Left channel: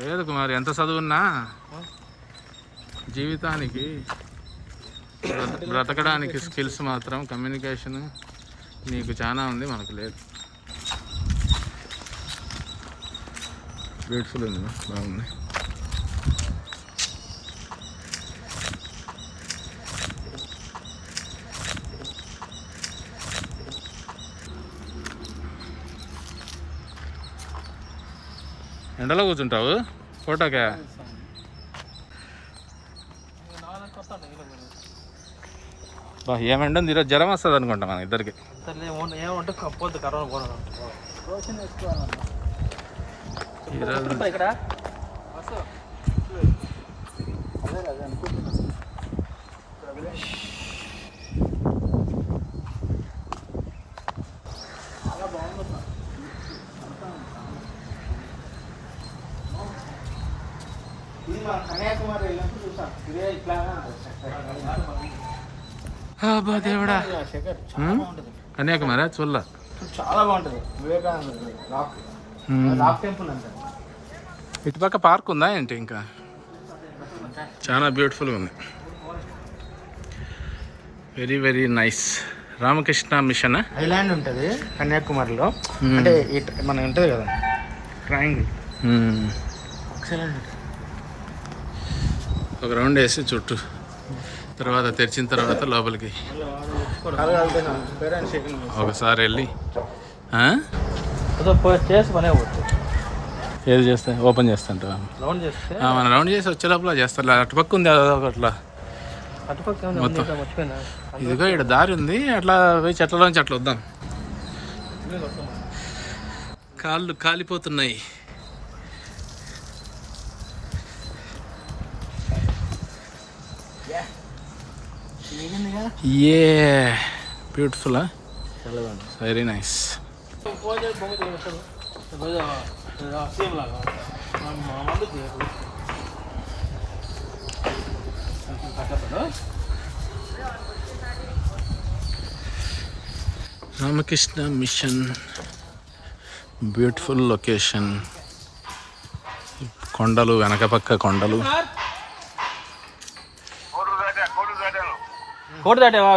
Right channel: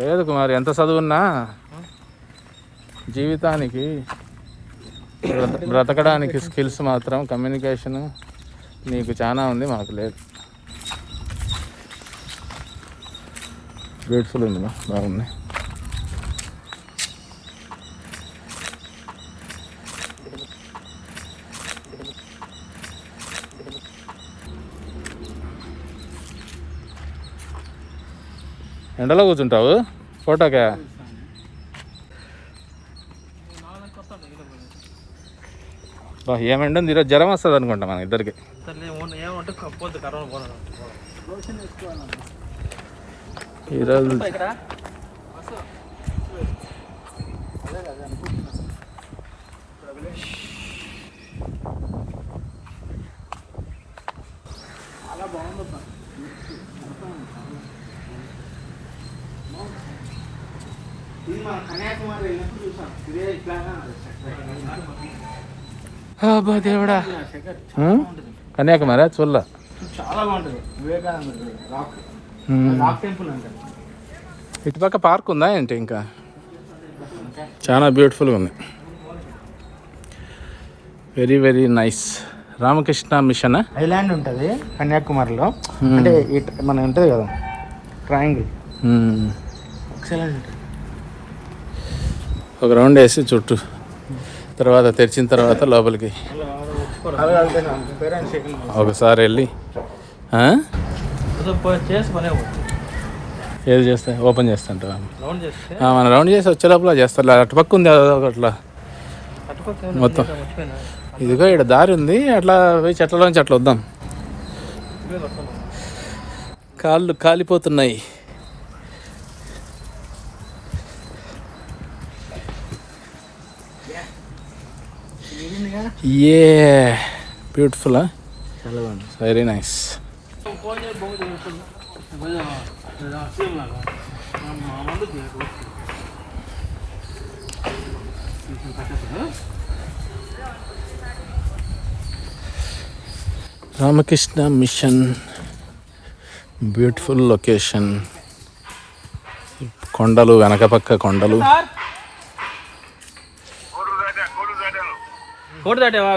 లేదు కుమార్, ఎంత చదువున్నా జీవితానికి బ్రతకడానికి స్కిల్స్ మాత్రం కమ్యూనికేషన్ నీకు చాలా ఉంది, మాకు లేదు. బ్యూటిఫుల్ ఉంది, బాగుంది. ఎండలో కూర్చుంటావు ఫోటోకే? ఏమండి ఈరోజు జ్వరం వస్తుంది అనుకుంటా మన ఇద్దరికి. ఈరోజు దేవుడా, కన్యాకుమారి చూడలా, చాలా బాగుంటుంది. ఇటుపక్క పార్క్ ఉందా ఏంటి? ఇంకా చాలా బ్యూటిఫుల్గా ఉంది. Very very nice. Ramakrishna mission island ఉంటుంది కన్యాకుమారిలో. అంటే మనం ఉంటుంది కదా ట్రయాంగిల్, ఒక రౌండ్ వేసి చుట్టూ, తర్వాత తెరిచిన తర్వాత లోపలికి ఒకసారి వెళ్ళి ఏది చేస్తా ఓపెన్ చేస్తాంట. మనం రౌండ్ చేసి వచ్చే లోపల చేస్తారు. అటుపక్క ఉంది అట్లా మొత్తం. ఇదిగో ఇక్కడ దారి ఉంది, అట్లా పోయి చెట్లలోంచి అట్లా వద్దాం. కాళ్ళు కాలిపోతున్నాయి. Beautiful, very nice. Ramakrishna Mission, beautiful location. కొండలు, వెనక పక్క కొండలు.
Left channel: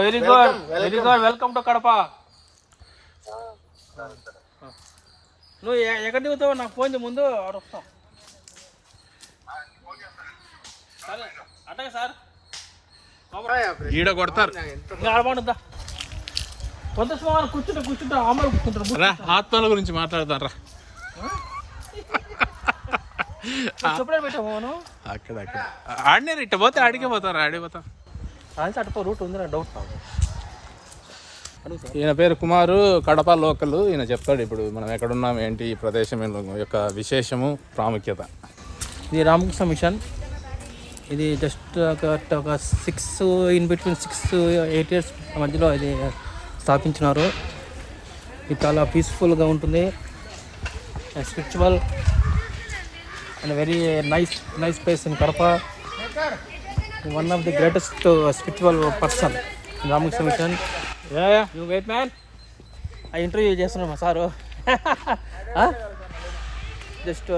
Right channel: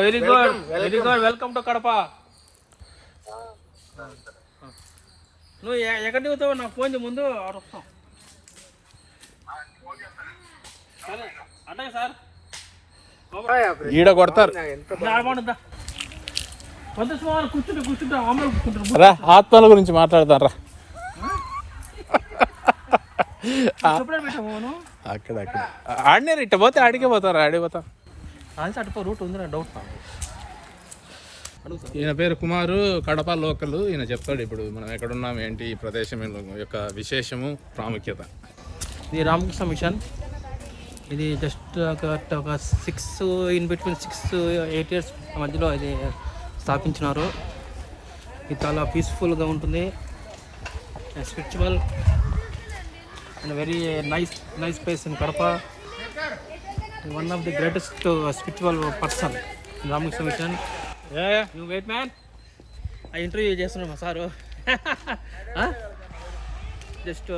Very good, very good. Welcome to Kadapa. నువ్వు ఎక్కడికి పోతావు నాకు ఫోన్ చేయ, ముందు వస్తాం. సరే అట్టగా సార్, ఈడ కొడతారు. కూర్చుంటా ఆమె కూర్చుంటారు. ఆత్మల గురించి మాట్లాడతారా? అక్కడ అక్కడ ఆడినారు. ఇట్ట పోతే ఆడికే పోతారా? ఆడిపోతారు. అటుపో రూట్ ఉంది, డౌట్. ఈయన పేరు కుమారు, కడప లోకల్. ఈయన చెప్తాడు ఇప్పుడు మనం ఎక్కడున్నాం, ఏంటి ఈ ప్రదేశం యొక్క విశేషము, ప్రాముఖ్యత. ఇది రామకృష్ణ మిషన్. ఇది జస్ట్ ఒక 6-8 ఇయర్స్ మధ్యలో ఇది స్థాపించినారు. ఇది చాలా పీస్ఫుల్గా ఉంటుంది, spiritual and very nice place in Kadapa. One of the greatest spiritual person Ramakrishna mission. You wait man, ఆ ఇంటర్వ్యూ చేస్తున్నాం మా సారు. జస్ట్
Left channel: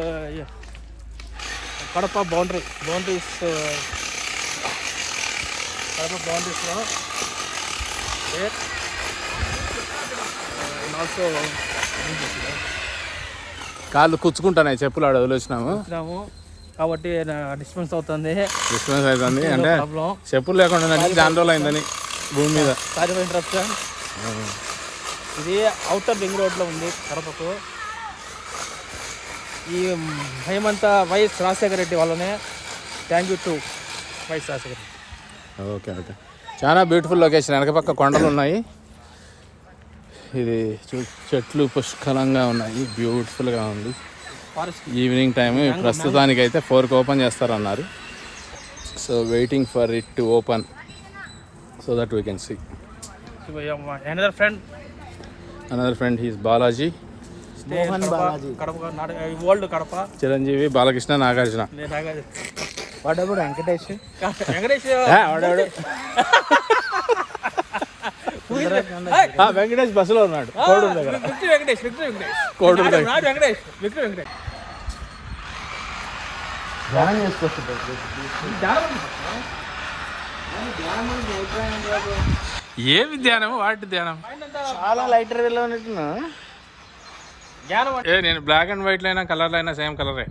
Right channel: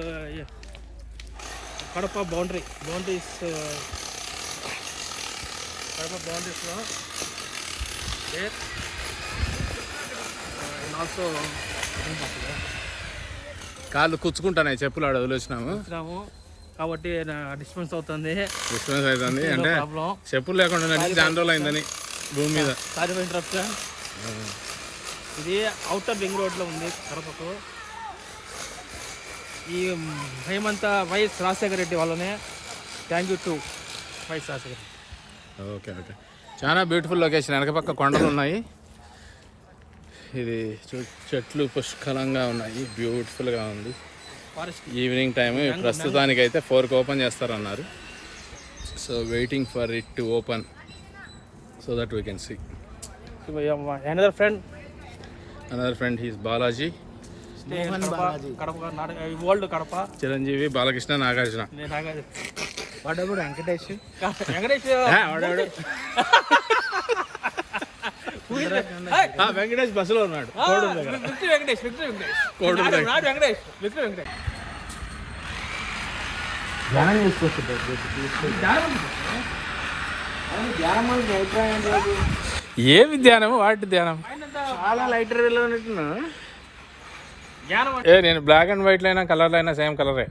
కడప బౌండరీస్లో ఆల్సో కాళ్ళు కూర్చుకుంటాయి, చెప్పులు ఆడ వదిలేసినాము కాబట్టి డిస్టర్బెన్స్ అవుతుంది అంటే చెప్పులు లేకుండా దాని రోజులు అయిందని భూమి మీద. Sorry for interruption. ఇది అవుటర్ రింగ్ రోడ్లో ఉంది కడపకు. ఈ హేమంత వైఎస్ రాజశేఖర రెడ్డి వాళ్ళనే. Thank you to YS Rajasekhara Reddy. Okay okay, చాలా బ్యూటిఫుల్ లొకేషన్. వెనక పక్క కొండలు ఉన్నాయి. ఇది చెట్లు పుష్కలంగా ఉన్నాయి, బ్యూటిఫుల్గా ఉంది. Evening time. ప్రస్తుతానికైతే 4కి ఓపెన్ చేస్తారన్నారు. So waiting for it to open so that we can see. Another friend, he is Balaji. Mohan Balaji. Kadapa, world Kadapa. Chiranjeevi, Balakrishna, Nagarjuna. What about Venkatesh? Venkatesh బస్సులో ఉన్నాడు కోడూరు దగ్గర. కోడూరు దగ్గర ధ్యానం చేసుకోవచ్చు. ఏమి ధ్యానం? వాటి ధ్యానం చాలా లైటర్ వేలో ఉన్నట్టు. నేను బ్లాక్ అండ్ వైట్లో అయినా కలర్లో అయినా సేమ్ కలరే.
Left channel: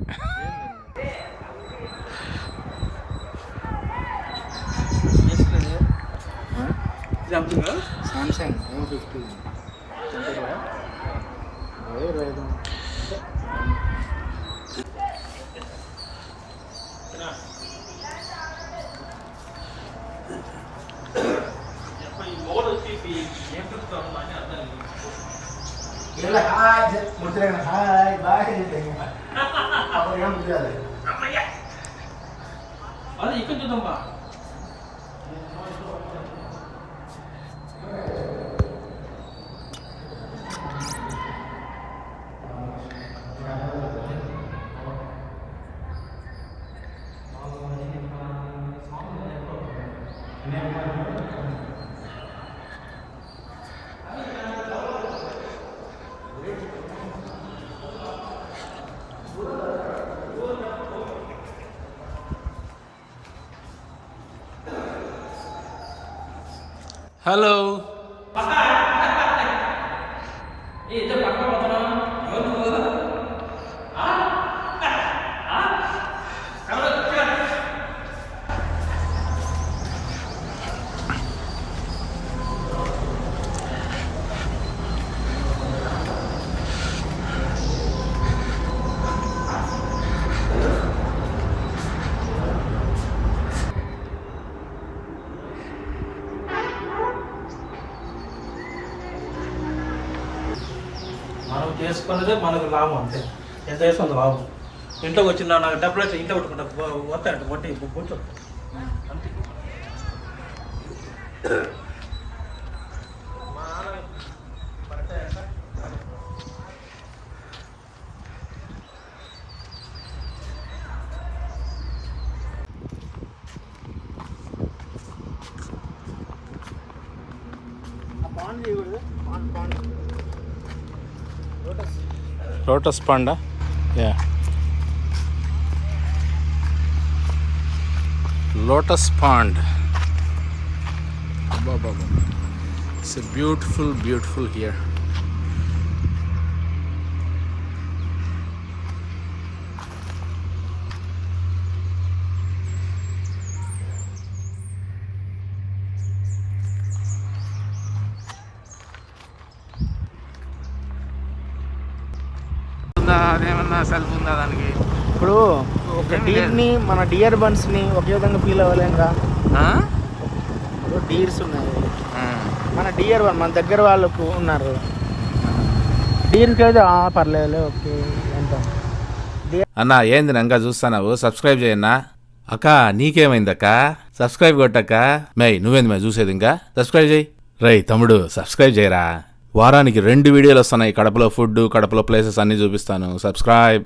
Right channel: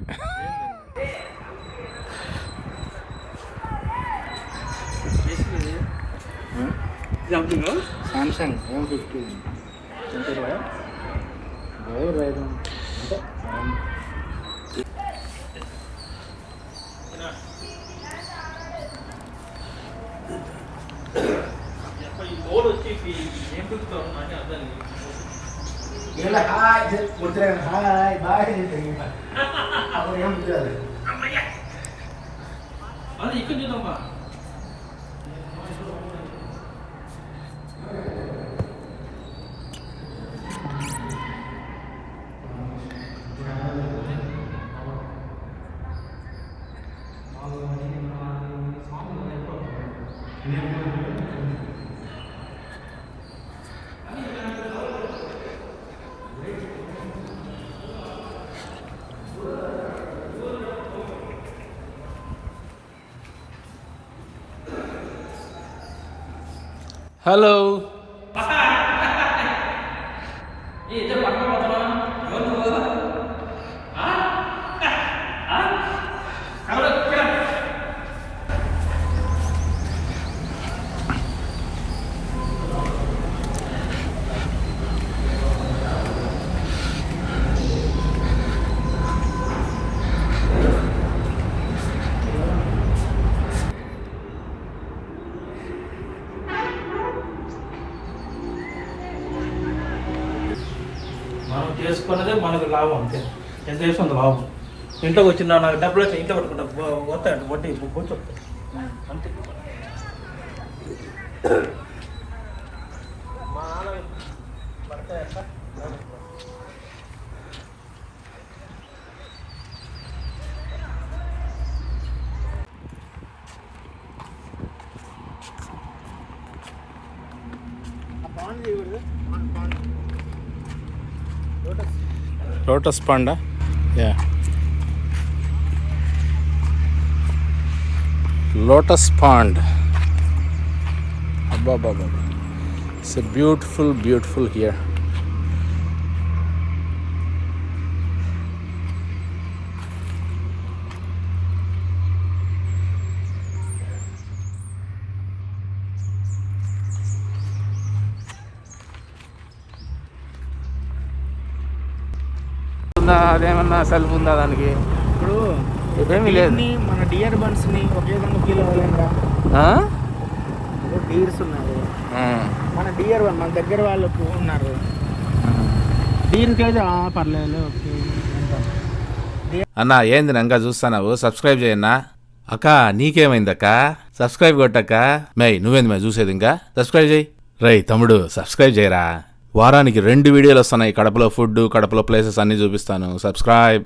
సామ్సంగ్ M50 అది ఇక్కడ చూద్దాం. హలో. మనం చేసుకున్నదే మనకు లాభం. అంతే, ఎంత చేసుకుంది లాభం. ఇంట్లోకి వచ్చిన నాకు డబ్బులు వచ్చి ఇంట్లో కొట్టుకుంటా పోతాడు కొట్టి కూర్చోడు అంతే. మా నాన్న పడతాయంట. Lotus Panda, yeah. Lotus Pond. Abba. It's a beautiful here. అదేమన్నా సెల్ఫ్ ఉందా దానికి? ఇప్పుడు ఏమీ లేదు. మన డియర్ బర్డ్స్ని ఒకే విధంగా ఫీల్ అవ్వలేంరా. ఇప్పుడు డీర్స్ ఉన్నాయి, మన డియర్ మన దగ్గర వాళ్ళకు ఉన్నారు. డీర్కి అయితే పర్లేదు ఓకే. ఎంత అన్నా ఏంది నంగా చూస్తావు? సబ్స్క్రైబ్ చేయన్నా. అక్క నీకేమైందక్క? సబ్స్క్రైబ్ కొట్టక్క. నువ్వేంది చూసేది? ఇంకా సబ్స్క్రైబ్ చేయి. రై తమ్ముడు సబ్స్క్రైబ్ చేయరా. వారానికి 2 వీడియోలు వస్తున్నాయి. కడపలో ఫుడ్, కడపలో ప్లేసెస్ అన్నీ చూపిస్తాను. సబ్స్క్రైబ్.